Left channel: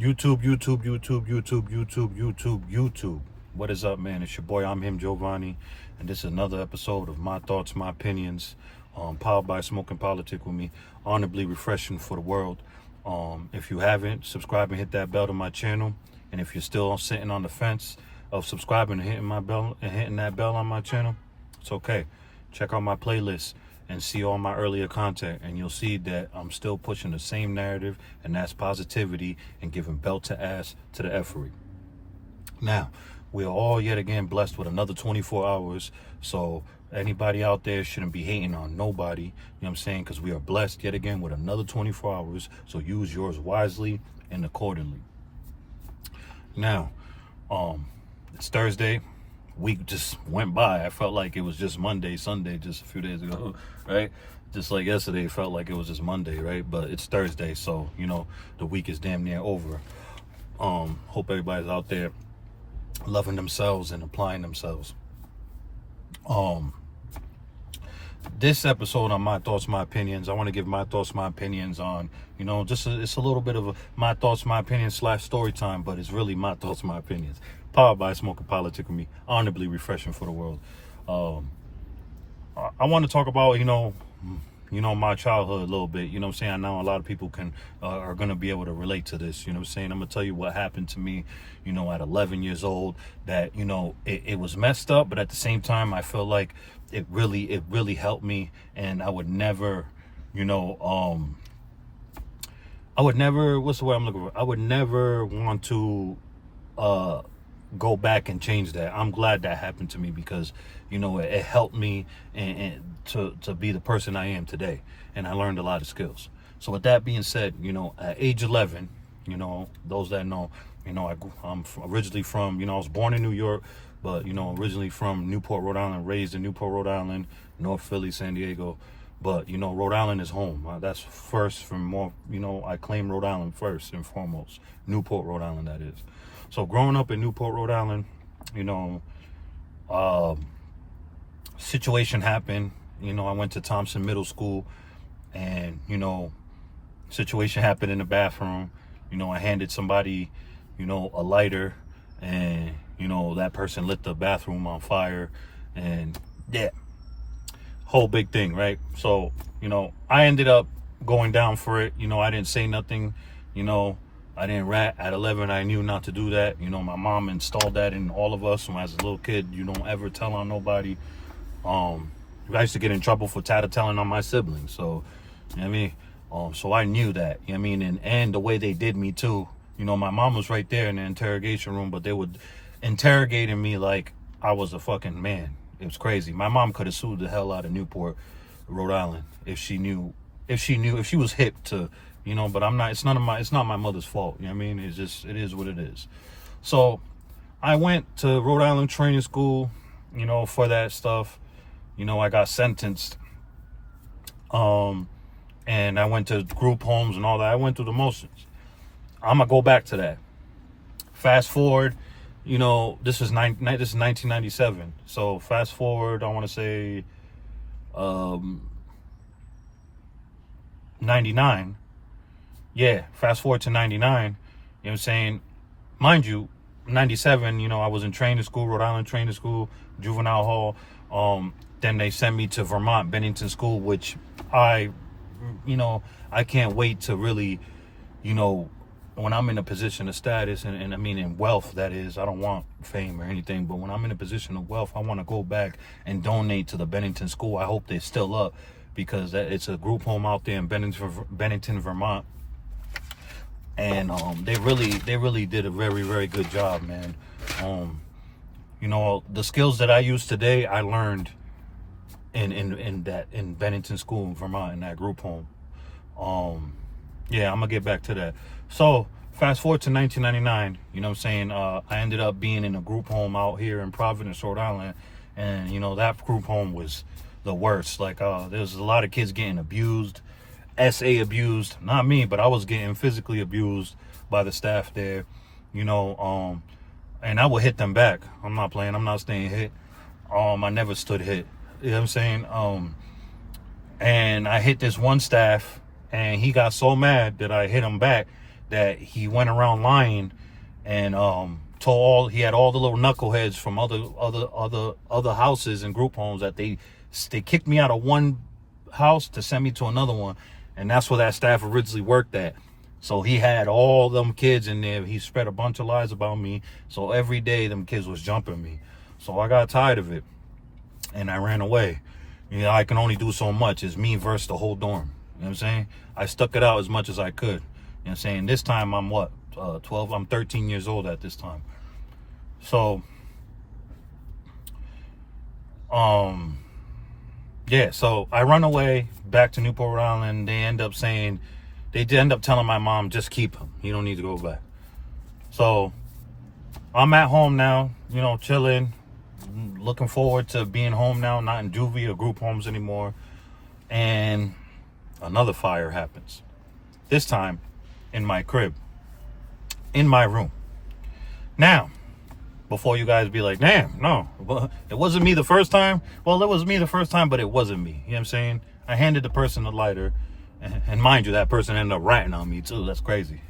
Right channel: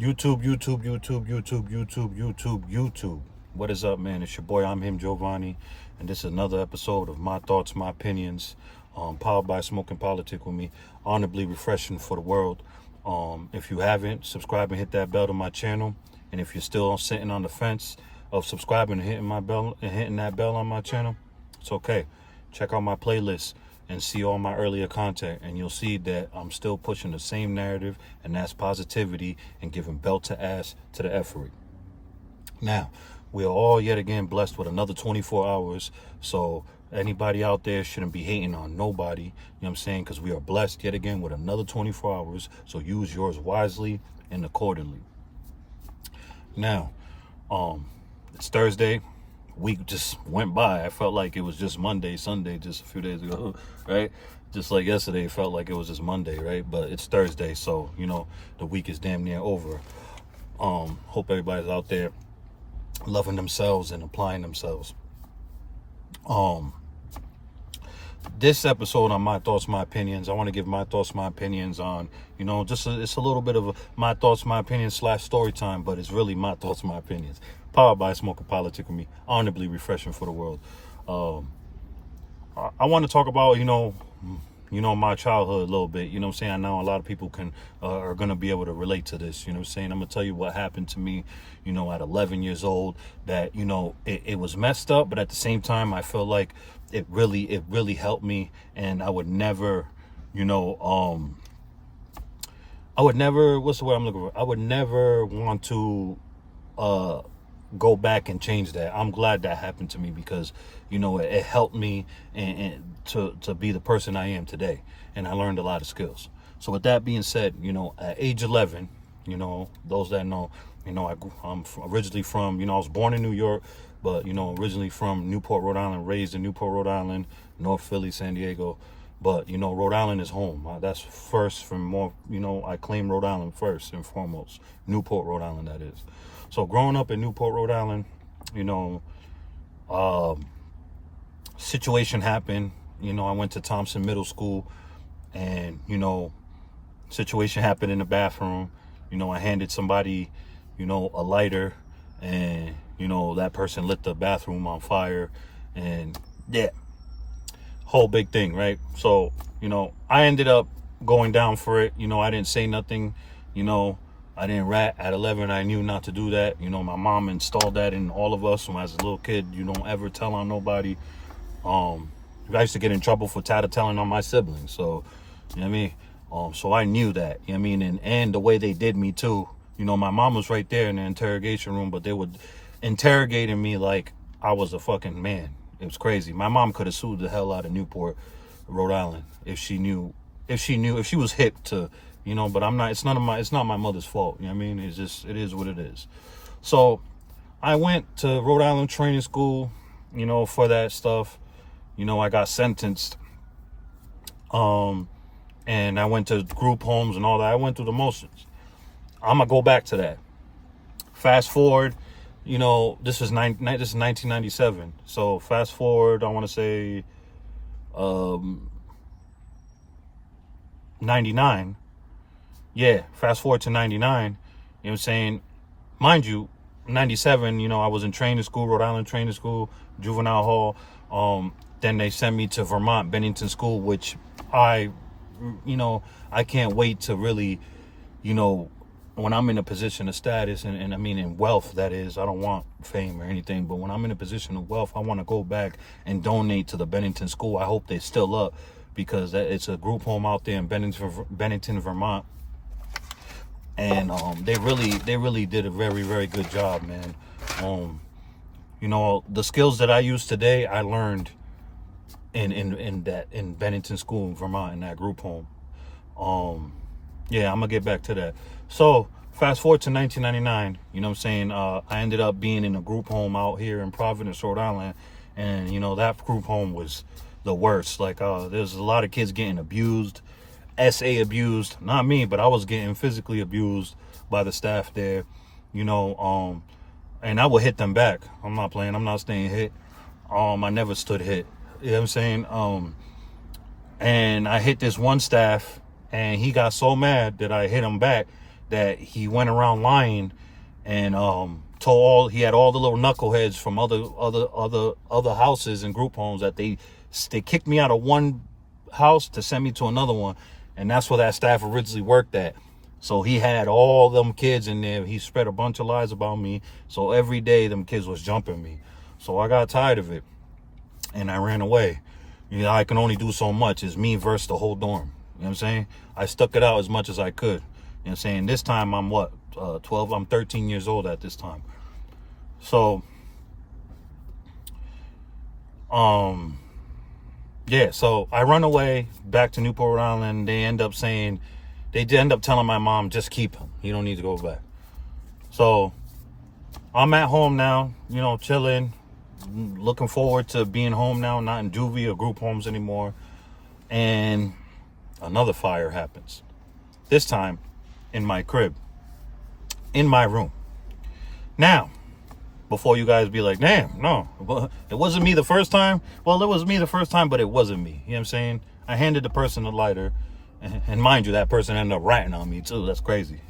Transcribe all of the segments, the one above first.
YouTube. What is up, man? It's your boy, I'm him, Giovanni, and this is another episode of My Thoughts, My Opinions, powered by Smoke and Politic with Me, honorably refreshing for the world. If you haven't, subscribe and hit that bell to my channel, and if you're still sitting on the fence of subscribing and hitting that bell on my channel, it's okay. Check out my playlist and see all my earlier content, and you'll see that I'm still pushing the same narrative, and that's positivity and giving belt to ass to the effery. Now, we are all yet again blessed with another 24 hours, so anybody out there shouldn't be hating on nobody, you know what I'm saying, because we are blessed yet again with another 24 hours, so use yours wisely and accordingly. Now, it's Thursday. Week just went by. I felt like it was just Sunday just a few days ago, right? Just like yesterday, it felt like it was just Monday, right? But it's Thursday, so the week is damn near over. Hope everybody's out there loving themselves and applying themselves. This episode on My Thoughts, My Opinions, I want to give my thoughts, my opinions on, it's a little bit of my thoughts, my opinions / story time, but it's really my thoughts, my opinions. Powered by Smoke and Politic with Me, honorably refreshing for the world. I want to talk about, my childhood a little bit. You know what I'm saying? I know a lot of people are going to be able to relate to this. You know what I'm saying? I'm going to tell you what happened to me, at 11 years old, that, it was messed up, but at the same time, I feel like it really helped me. And I would never, what's the word I'm looking for? I would never want to, go back and change that. I'm glad that happened to me because, it helped me and to be the person I am today. And I learned a lot of skills. So with that being said, at age 11, those that know, I'm originally from, I was born in New York, but, originally from Newport, Rhode Island, raised in Newport, Rhode Island, North Philly, San Diego. But, Rhode Island is home. That's first from more, I claim Rhode Island first and foremost. Newport, Rhode Island, that is. So growing up in Newport, Rhode Island, situation happened. I went to Thompson Middle School and, situation happened in the bathroom. I handed somebody, a lighter and, that person lit the bathroom on fire and yeah, whole big thing, right? So, I ended up going down for it. I didn't say nothing, I didn't rat. At 11, I knew not to do that. My mom installed that in all of us. When I was a little kid, you don't ever tell on nobody. I used to get in trouble for tattling on my siblings. So, you know what I mean? So I knew that, you know what I mean? And the way they did me too. My mom was right there in the interrogation room, but they would interrogating me like I was a fucking man. It was crazy. My mom could have sued the hell out of Newport, Rhode Island, if she was hip to, but I'm not, it's not my mother's fault. You know what I mean? It is what it is. So I went to Rhode Island training school, for that stuff. I got sentenced. And I went to group homes and all that. I went through the motions. I'm gonna go back to that. Fast forward, this is 1997. So fast forward, I want to say 99. Yeah, fast forward to 99. You know what I'm saying? Mind you, 97, I was in training school, Rhode Island training school, juvenile hall. Then they sent me to Vermont, Bennington School, which I can't wait to really, when I'm in a position of status and I mean in wealth, that is, I don't want fame or anything, but when I'm in a position of wealth, I want to go back and donate to the Bennington School. I hope they're still up because it's a group home out there in Bennington, Vermont. And they really did a very, very good job, man. The skills that I use today, I learned in Bennington School in Vermont in that group home. Yeah, I'm gonna get back to that. So fast forward to 1999. You know what I'm saying? I ended up being in a group home out here in Providence, Rhode Island, and that group home was the worst. Like there's a lot of kids getting abused. SA abused, not me, but I was getting physically abused by the staff there, and I would hit them back. I'm not playing, I'm not staying hit. I never stood hit. You know what I'm saying? And I hit this one staff and he got so mad that I hit him back that he went around lying and he had all the little knuckleheads from other houses and group homes that they kicked me out of one house to send me to another one, and that's where that staff originally worked at. So he had all them kids in there. He spread a bunch of lies about me. So every day them kids was jumping me. So I got tired of it and I ran away. I can only do so much. It's me versus the whole dorm. You know what I'm saying? I stuck it out as much as I could. You know what I'm saying? This time I'm 12? I'm 13 years old at this time. So, yeah, so I run away back to Newport, Rhode Island. They end up telling my mom, just keep him. You don't need to go back. So I'm at home now, chilling, looking forward to being home now, not in juvie or group homes anymore. And another fire happens. This time in my crib, in my room. Now, before you guys be like, damn, no, it wasn't me the first time. Well, it was me the first time, but it wasn't me. You know what I'm saying? I handed the person the lighter. And mind you, that person ended up ratting on me too. That's crazy.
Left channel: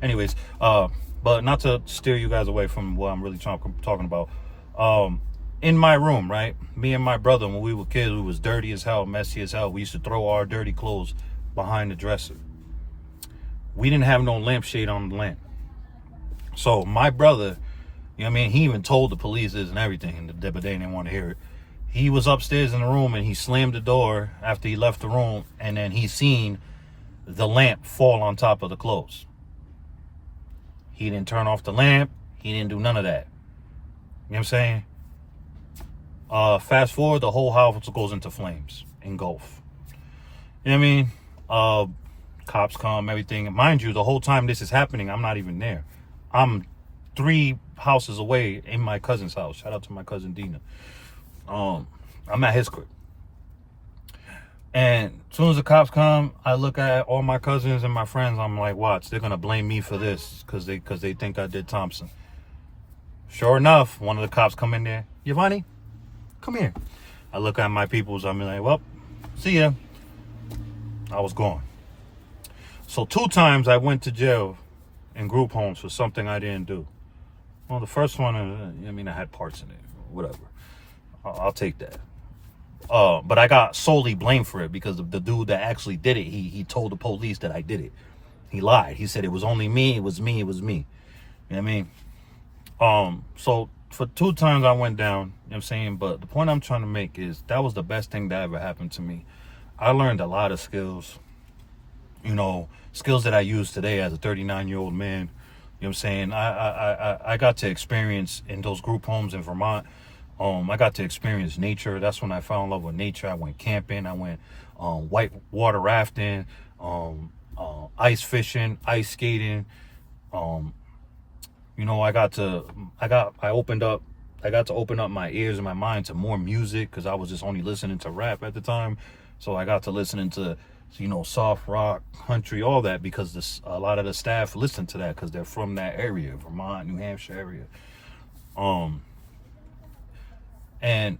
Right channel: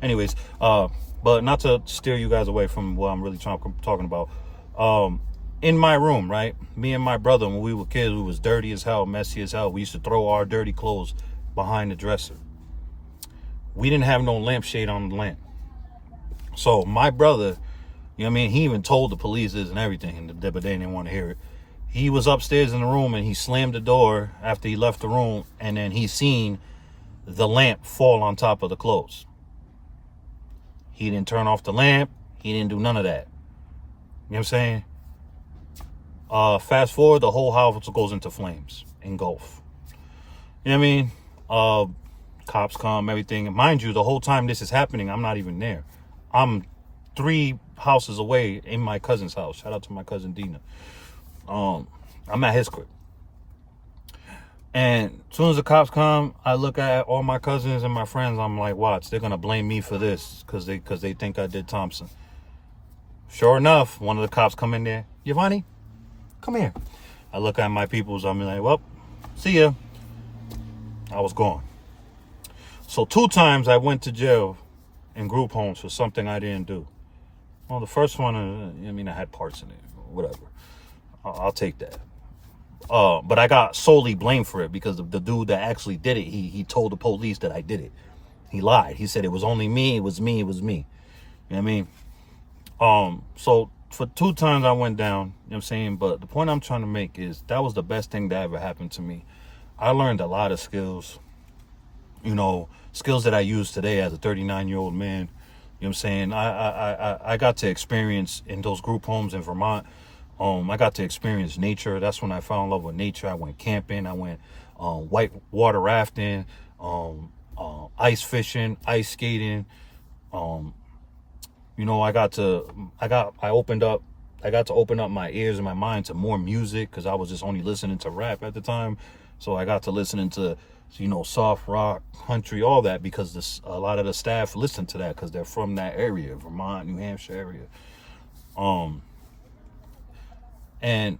Anyways, but not to steer you guys away from what I'm really talking about. In my room, right? Me and my brother, when we were kids, we was dirty as hell, messy as hell. We used to throw our dirty clothes behind the dresser. We didn't have no lampshade on the lamp. So my brother, he even told the police this and everything, but they didn't want to hear it. He was upstairs in the room and he slammed the door after he left the room, and then he seen the lamp fall on top of the clothes. He didn't turn off the lamp. He didn't do none of that. You know what I'm saying? Fast forward, the whole house goes into flames, engulf. You know what I mean? Cops come, everything. Mind you, the whole time this is happening, I'm not even there. I'm 3 houses away in my cousin's house. Shout out to my cousin Dina. I'm at his crib. And as soon as the cops come, I look at all my cousins and my friends. I'm like, watch, they're going to blame me for this because they think I did Thompson. Sure enough, one of the cops come in there. Giovanni, come here. I look at my peoples. I'm like, well, see ya. I was gone. So 2 times I went to jail in group homes for something I didn't do. Well, the first one, I had parts in it, whatever. I'll take that. But I got solely blamed for it because the dude that actually did it, he told the police that I did it. He lied. He said it was only me. It was me. You know what I mean? So for 2 times I went down, you know what I'm saying? But the point I'm trying to make is that was the best thing that ever happened to me. I learned a lot of skills, skills that I use today as a 39-year-old man. You know what I'm saying? I got to experience in those group homes in Vermont. I got to experience nature. That's when I fell in love with nature. I went camping. I went white water rafting, ice fishing, ice skating. I got to open up my ears and my mind to more music because I was just only listening to rap at the time. So I got to listening to, soft rock, country, all that, because a lot of the staff listen to that because they're from that area, Vermont, New Hampshire area. And,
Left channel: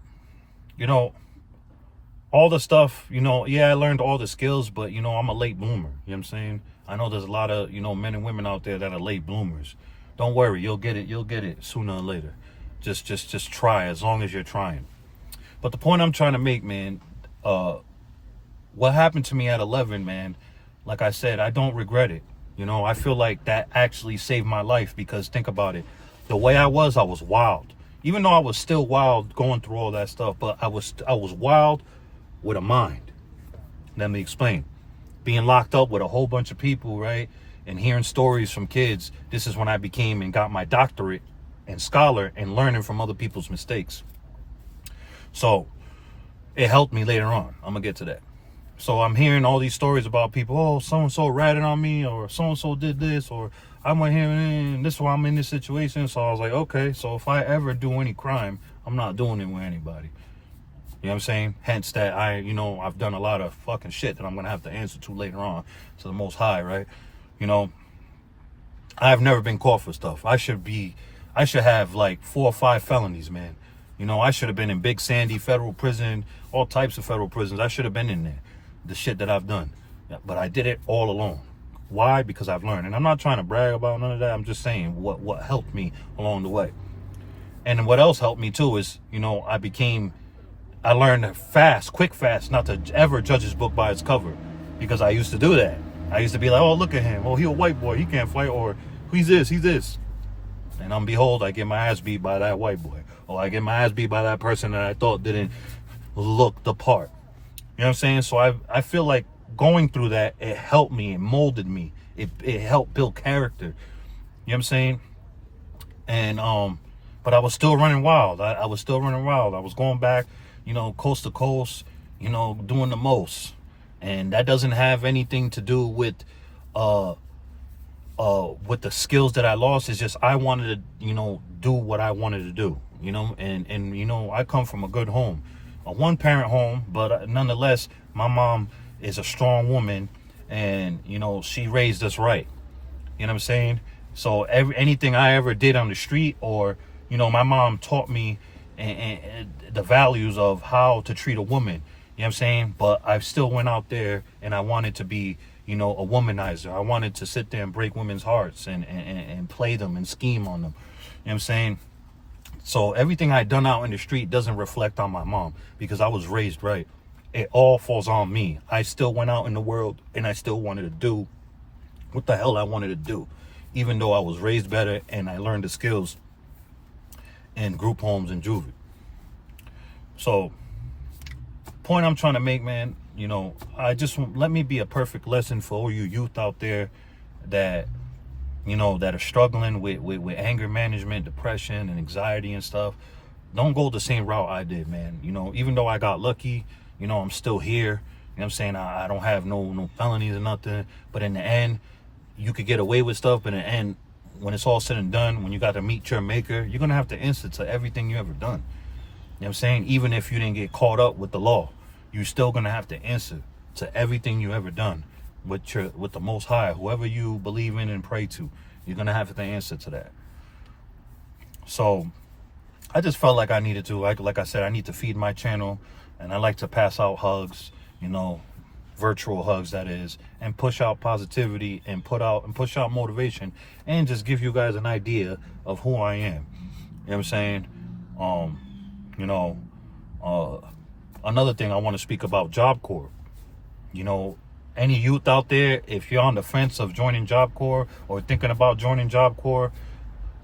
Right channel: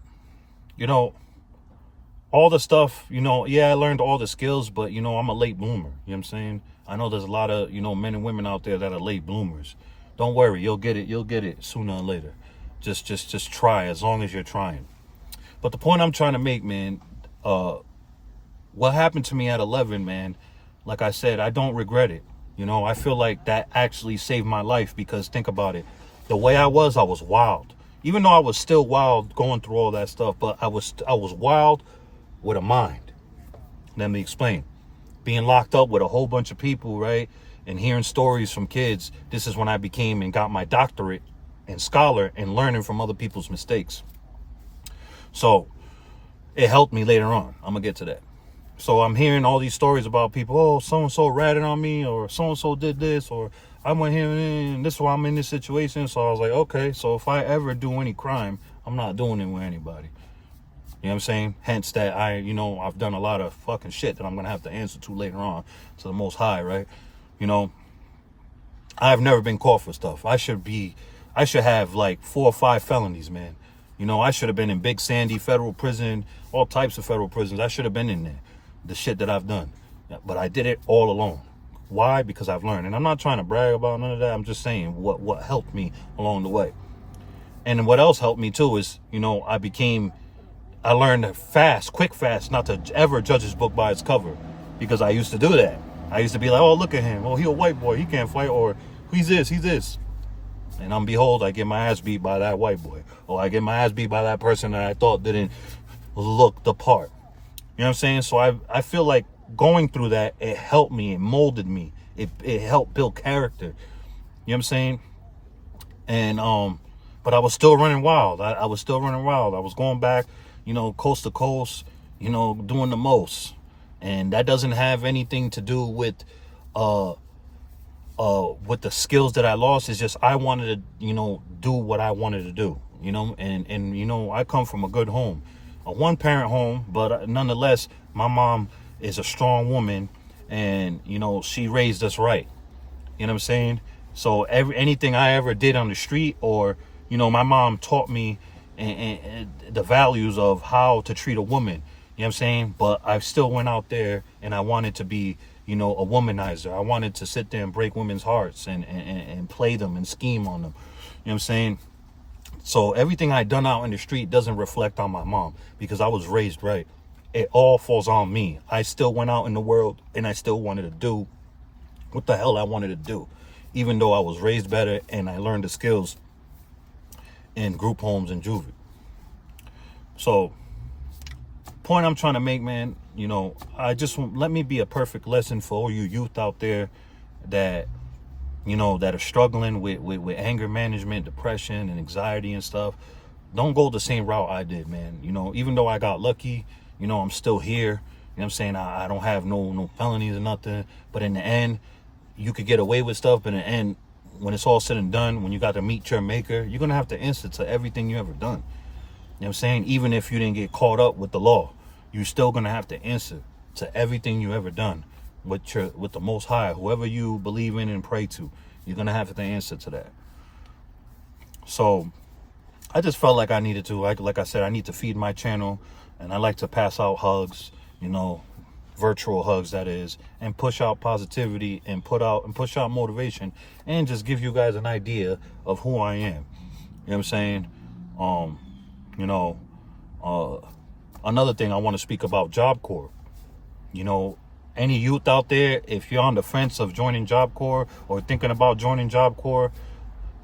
all the stuff, I learned all the skills, but, I'm a late bloomer. You know what I'm saying? I know there's a lot of, men and women out there that are late bloomers. Don't worry. You'll get it sooner or later. Just try as long as you're trying. But the point I'm trying to make, man, what happened to me at 11, man, like I said, I don't regret it. I feel like that actually saved my life because think about it. The way I was wild. Even though I was still wild going through all that stuff, but I was wild with a mind. Let me explain. Being locked up with a whole bunch of people, right? And hearing stories from kids. This is when I became and got my doctorate and scholar and learning from other people's mistakes. So it helped me later on. I'm going to get to that. So I'm hearing all these stories about people. Oh, so-and-so ratted on me, or so-and-so did this, or I went here and this is why I'm in this situation. So I was like, okay, so if I ever do any crime, I'm not doing it with anybody. You know what I'm saying? Hence that I've done a lot of fucking shit that I'm going to have to answer to later on to the Most High, right? I've never been caught for stuff. I should have like 4 or 5 felonies, man. I should have been in Big Sandy federal prison, all types of federal prisons. I should have been in there. The shit that I've done. But I did it all alone. Why? Because I've learned. And I'm not trying to brag about none of that. I'm just saying what helped me along the way. And what else helped me too is, I learned quick fast, not to ever judge his book by its cover, because I used to do that. I used to be like, oh, look at him. Oh, he a white boy. He can't fight. Or he's this. And behold, I get my ass beat by that white boy. Or I get my ass beat by that person that I thought didn't look the part. You know what I'm saying? So I feel like going through that, it helped me. It molded me. It helped build character. You know what I'm saying? And, but I was still running wild. I was still running wild. I was going back, coast to coast, doing the most. And that doesn't have anything to do with the skills that I lost. It's just I wanted to, do what I wanted to do, and I come from a good home, a one-parent home, but nonetheless, my mom is a strong woman, and, she raised us right. You know what I'm saying? So anything I ever did on the street, or, my mom taught me and the values of how to treat a woman. You know what I'm saying? But I still went out there and I wanted to be, a womanizer. I wanted to sit there and break women's hearts and play them and scheme on them. You know what I'm saying? So everything I done out in the street doesn't reflect on my mom, because I was raised right. It all falls on me. I still went out in the world and I still wanted to do what the hell I wanted to do, even though I was raised better and I learned the skills in group homes and juvie. So, point I'm trying to make, man, I just let me be a perfect lesson for all you youth out there that, that are struggling with anger management, depression, and anxiety and stuff. Don't go the same route I did, man. Even though I got lucky, I'm still here. You know what I'm saying? I don't have no felonies or nothing. But in the end, you could get away with stuff. But in the end, when it's all said and done, when you got to meet your maker, you're going to have to answer to everything you ever done. You know what I'm saying? Even if you didn't get caught up with the law, you're still going to have to answer to everything you ever done with the Most High. Whoever you believe in and pray to, you're going to have to answer to that. So I just felt like I needed to, like I said, I need to feed my channel, and I like to pass out hugs, virtual hugs, that is, and push out positivity and push out motivation, and just give you guys an idea of who I am. You know what I'm saying? Another thing I want to speak about, Job Corps. Any youth out there, if you're on the fence of joining Job Corps or thinking about joining Job Corps,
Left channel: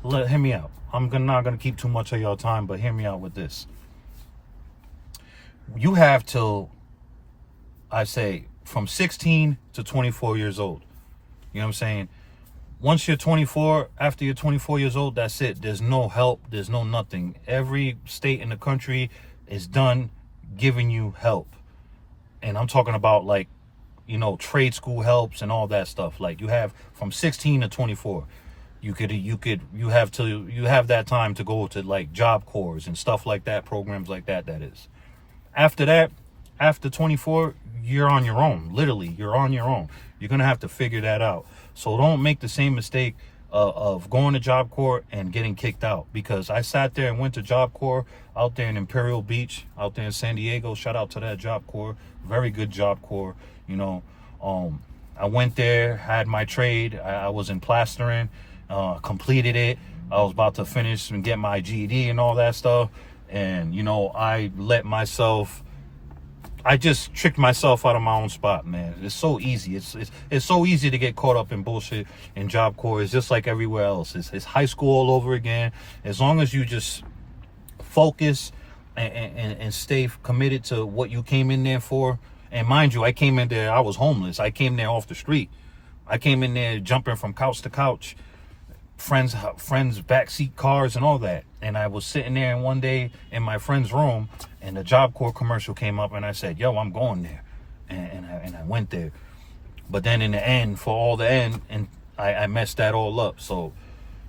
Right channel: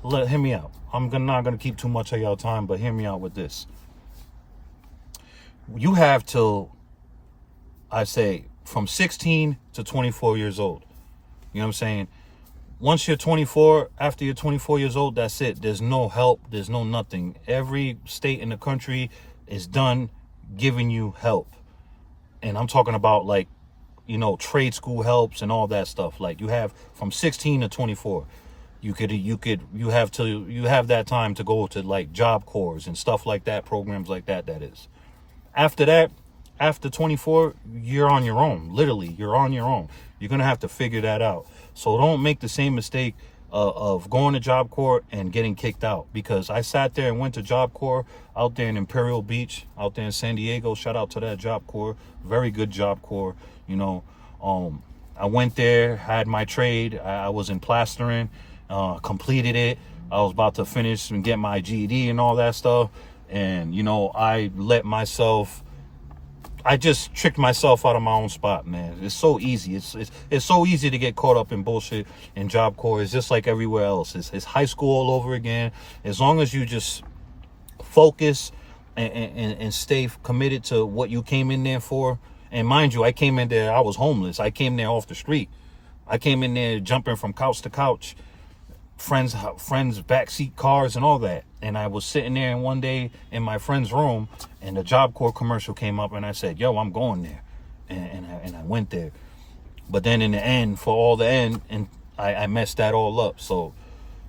hear me out. I'm not going to keep too much of y'all time, but hear me out with this. You have till, I say, from 16 to 24 years old. You know what I'm saying? Once you're 24, after you're 24 years old, that's it. There's no help. There's no nothing. Every state in the country is done giving you help. And I'm talking about, like, trade school helps and all that stuff. Like, you have from 16 to 24. You have that time to go to, like, Job Corps and stuff like that, programs like that is. After that, after 24, you're on your own. Literally, you're on your own. You're going to have to figure that out. So don't make the same mistake of going to Job Corps and getting kicked out. Because I sat there and went to Job Corps out there in Imperial Beach, out there in San Diego. Shout out to that Job Corps. Very good Job Corps. I went there, had my trade. I was in plastering, completed it. I was about to finish and get my GED and all that stuff. And, I just tricked myself out of my own spot, man. It's so easy. It's so easy to get caught up in bullshit in Job Corps. It's just like everywhere else. It's high school all over again. As long as you just focus and stay committed to what you came in there for. And mind you, I came in there, I was homeless. I came there off the street. I came in there jumping from couch to couch, friends' backseat cars and all that. And I was sitting there one day in my friend's room, and the Job Corps commercial came up, and I said, yo, I'm going there. And I went there. But then in the end, I messed that all up. So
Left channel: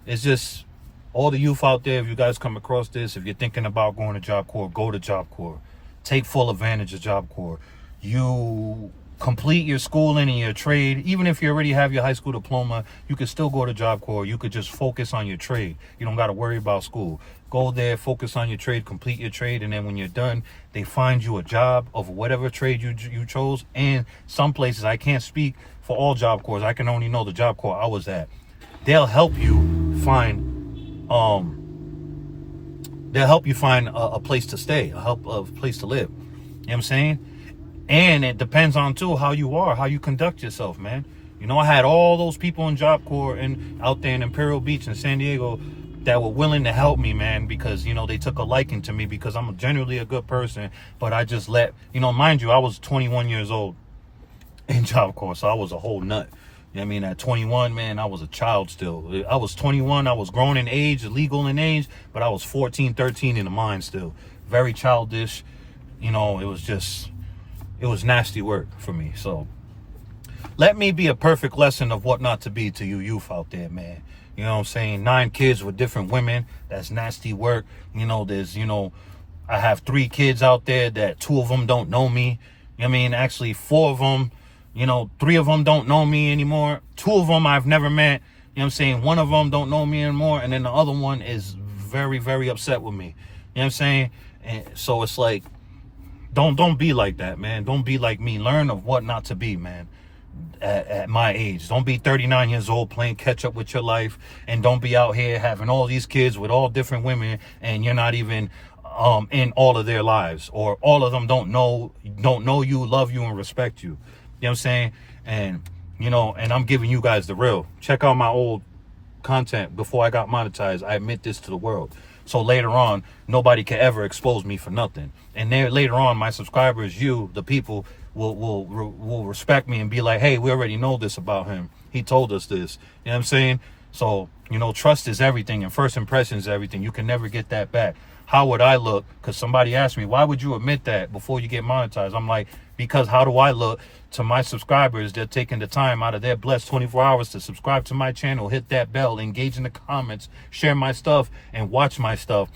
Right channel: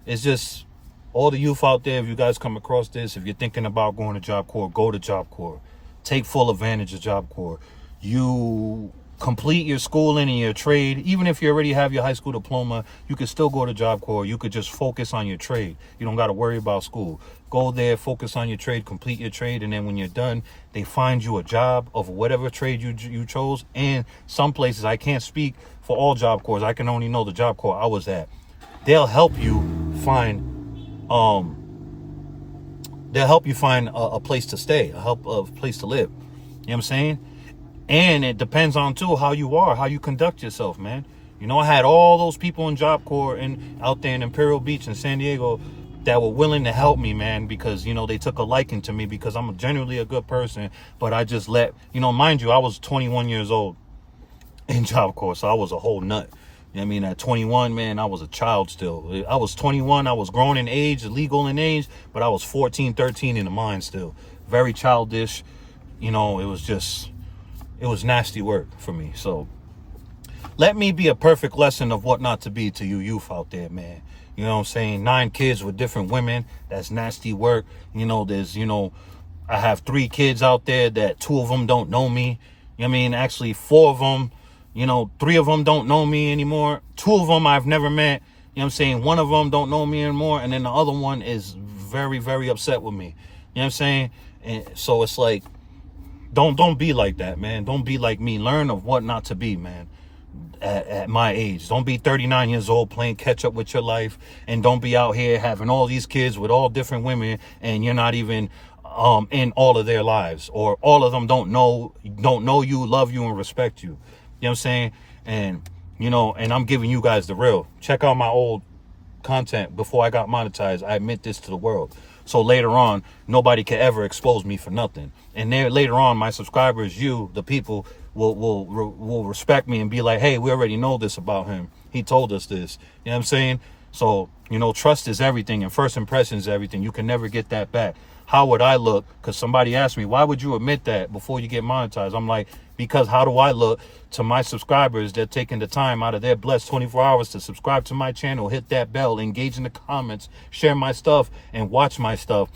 it's just all the youth out there, if you guys come across this, if you're thinking about going to Job Corps, go to Job Corps. Take full advantage of Job Corps. You complete your schooling and your trade. Even if you already have your high school diploma, you could still go to Job Corps. You could just focus on your trade. You don't got to worry about school. Go there, focus on your trade, complete your trade, and then when you're done, they find you a job of whatever trade you chose. And some places, I can't speak for all Job Corps. I can only know the Job Corps I was at. They'll help you find a place to stay, a place to live. You know what I'm saying? And it depends on too how you conduct yourself, man. You know, I had all those people in Job Corps and out there in Imperial Beach in San Diego that were willing to help me, man, because, you know, they took a liking to me because I'm generally a good person. But I just mind you, I was 21 years old in Job Corps, so I was a whole nut. You know what I mean? At 21, man, I was a child still. I was 21, I was grown in age, legal in age, but I was 14, 13 in the mind still. Very childish. You know, it was nasty work for me. So let me be a perfect lesson of what not to be to you youth out there, man. You know what I'm saying? 9 kids with different women. That's nasty work. You know, I have 3 kids out there that 2 of them don't know me. You know what I mean? Actually, 4 of them, 3 of them don't know me anymore. 2 of them I've never met. You know what I'm saying? 1 of them don't know me anymore. And then the other one is very, very upset with me. You know what I'm saying? And so it's like, don't be like that, man. Don't be like me. Learn of what not to be, man. At my age, don't be 39 years old playing catch up with your life, and don't be out here having all these kids with all different women, and you're not even in all of their lives, or all of them don't know you, love you, and respect you. You know what I'm saying? And and I'm giving you guys the real. Check out my old content before I got monetized. I admit this to the world. So later on, nobody can ever expose me for nothing. And then later on, my subscribers, you, the people, will respect me and be like, hey, we already know this about him. He told us this. You know what I'm saying? So, trust is everything, and first impression is everything. You can never get that back. How would I look? Because somebody asked me, why would you admit that before you get monetized? I'm like, because how do I look to my subscribers? They're taking the time out of their blessed 24 hours to subscribe to my channel, hit that bell, engage in the comments, share my stuff, and watch my stuff.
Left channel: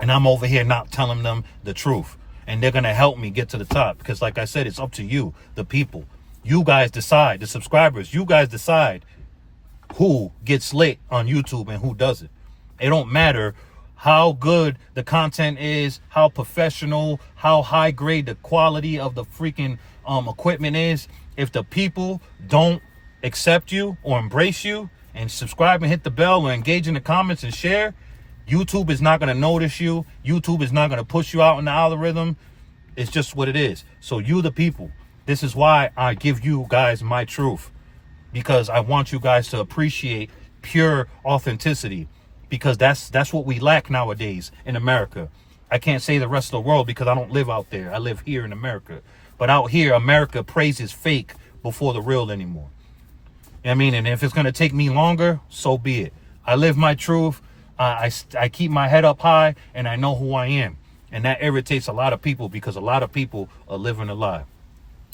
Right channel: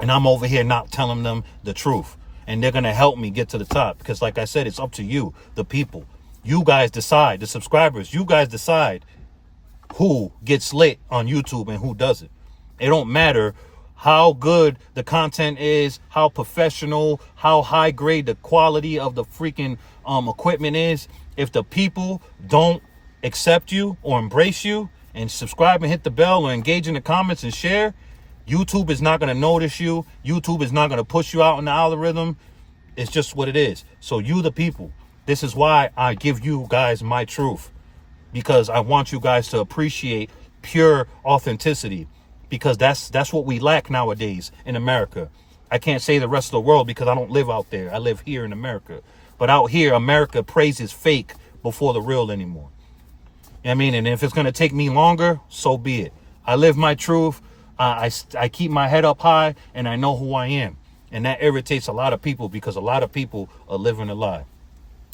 And I'm over here not telling them the truth. And they're going to help me get to the top. Because like I said, it's up to you, the people. You guys decide, the subscribers, you guys decide who gets lit on YouTube and who doesn't. It don't matter how good the content is, how professional, how high grade the quality of the freaking equipment is. If the people don't accept you or embrace you and subscribe and hit the bell or engage in the comments and share, YouTube is not going to notice you. YouTube is not going to push you out in the algorithm. It's just what it is. So you, the people, this is why I give you guys my truth, because I want you guys to appreciate pure authenticity. Because that's what we lack nowadays in America. I can't say the rest of the world because I don't live out there. I live here in America. But out here, America praises fake before the real anymore. You know what I mean? And if it's going to take me longer, so be it. I live my truth. I keep my head up high, and I know who I am. And that irritates a lot of people because a lot of people are living a lie.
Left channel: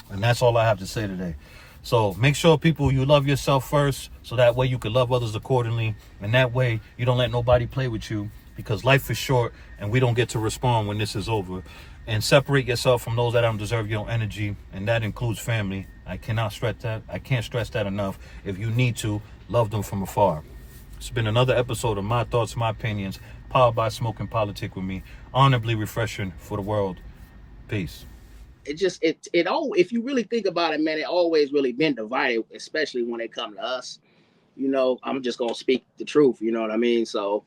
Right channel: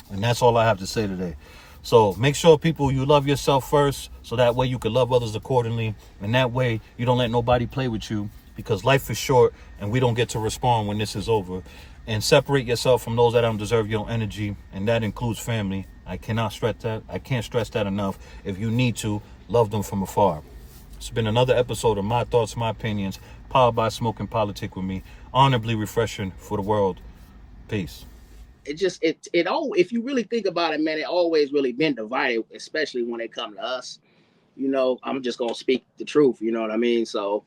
And that's all I have to say today. So make sure, people, you love yourself first, so that way you can love others accordingly. And that way you don't let nobody play with you, because life is short and we don't get to respond when this is over. And separate yourself from those that don't deserve your energy, and that includes family. I cannot stress that. I can't stress that enough. If you need to, love them from afar. It's been another episode of My Thoughts, My Opinions, powered by Smoke and Politic with me. Honorably refreshing for the world. Peace. If you really think about it, man, it always really been divided, especially when it comes to us. I'm just gonna speak the truth. You know what I mean? So,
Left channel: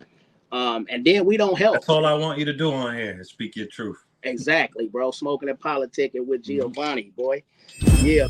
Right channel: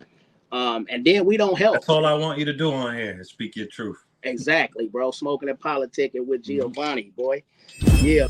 and then we don't help. That's all I want you to do on here is speak your truth. Exactly, bro. Smoking and politicking with Giovanni, boy. Yeah.